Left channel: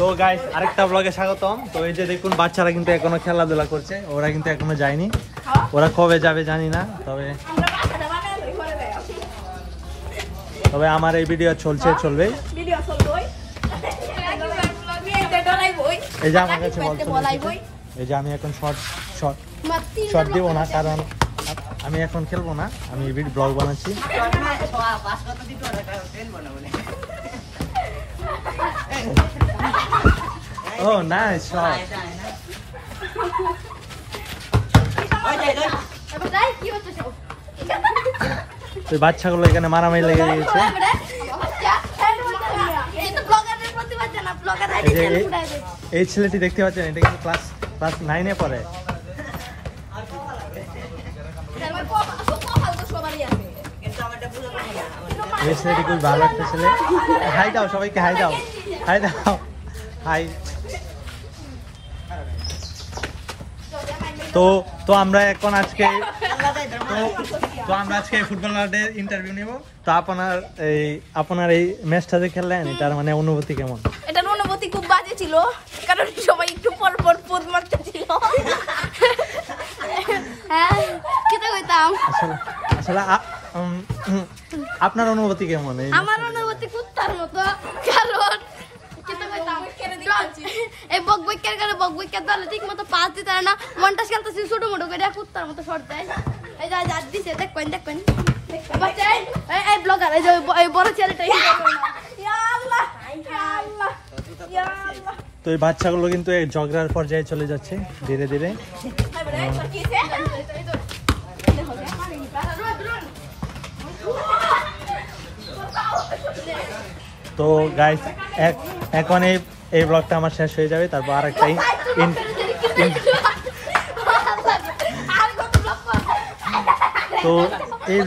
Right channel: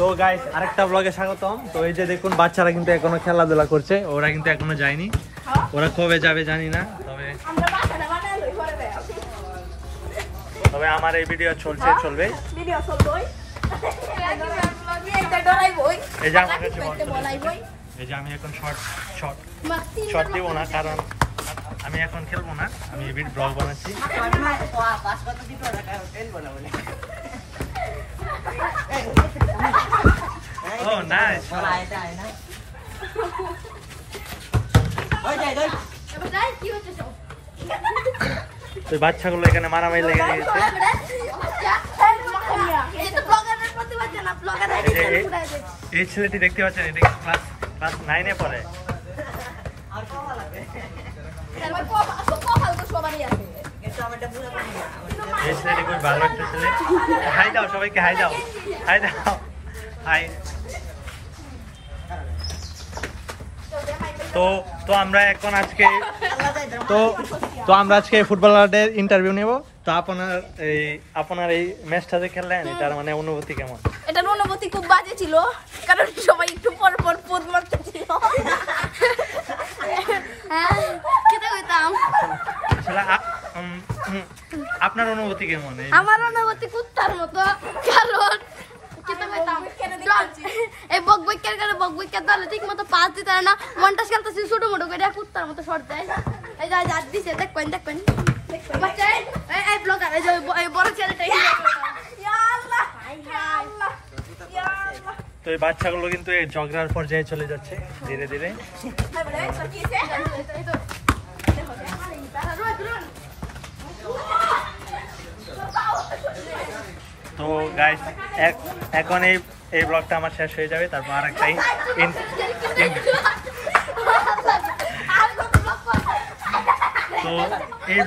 তো গাইস আরেকটা ব্লগে স্বাগতম। তো এই যে দেখুন বাচ্চারা কিন্তু এখনো খেলাধুলা করছে, ওরা কিন্তু এখনো যায়নি, ওরা কবে যাবে জানি না। তবে আমার এই ভিডিও চলবে এই যে আমি এখন শর্ট দেবো না, কারণ আমি এখন খেলবো না, আমি ব্লগ বানাচ্ছি। Oh, nice shot. ওই বাচ্চাগুলো এখানে মারামারি লেগে গেছে। এই ছেলেটি দেখতে পাচ্ছেন, এটা কিন্তু ক্লাস 9-এ পড়ে। এই ছেলেটি খুব ভালো একটা ছেলে। হাই দাও সবাইকে, হাই দাও, হাই দাও, হাই। তো আমরা এখন আজকে আমরা আজকে ফুটবলারদের ইন্টারভিউ নেব। তো আপনার এই ম্যাচটা যে খেললেন, তার মানে অনুভূতি কেমন? এটার অনুভূতি খুব বাজে ছিল, কারণ সবাই একটু পর পর পোদ মারতেছিল। আসলে আপনার অনুভূতি কেমন? আমার অনুভূতি কুত্তার মতো, কারণ এই বকবকের কারণে বকবকের দলে ঠিক মতো পাস দিতে না, মনটাস খেলতেছি ছোট মোটো করে, কুত্তার মতো শর্ট দেয়। এই যা যা দিছে, দেখবেন এই ব্লগার, এই যে এই বড় ছেলেটা। তো এই বাচ্চাগুলো কিন্তু এই ঝগড়ার পর্যায়ে চলে যাচ্ছে ধীরে ধীরে। তো গাইস এখন এই ব্লগটা আমার শেষ হয়ে যাবে, তারপর আরেকটাই তো এই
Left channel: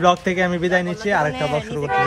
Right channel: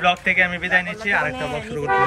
ব্লগ থেকে আমি বিদায় নিচ্ছি, আরেকটা ব্লগ শুরু করতে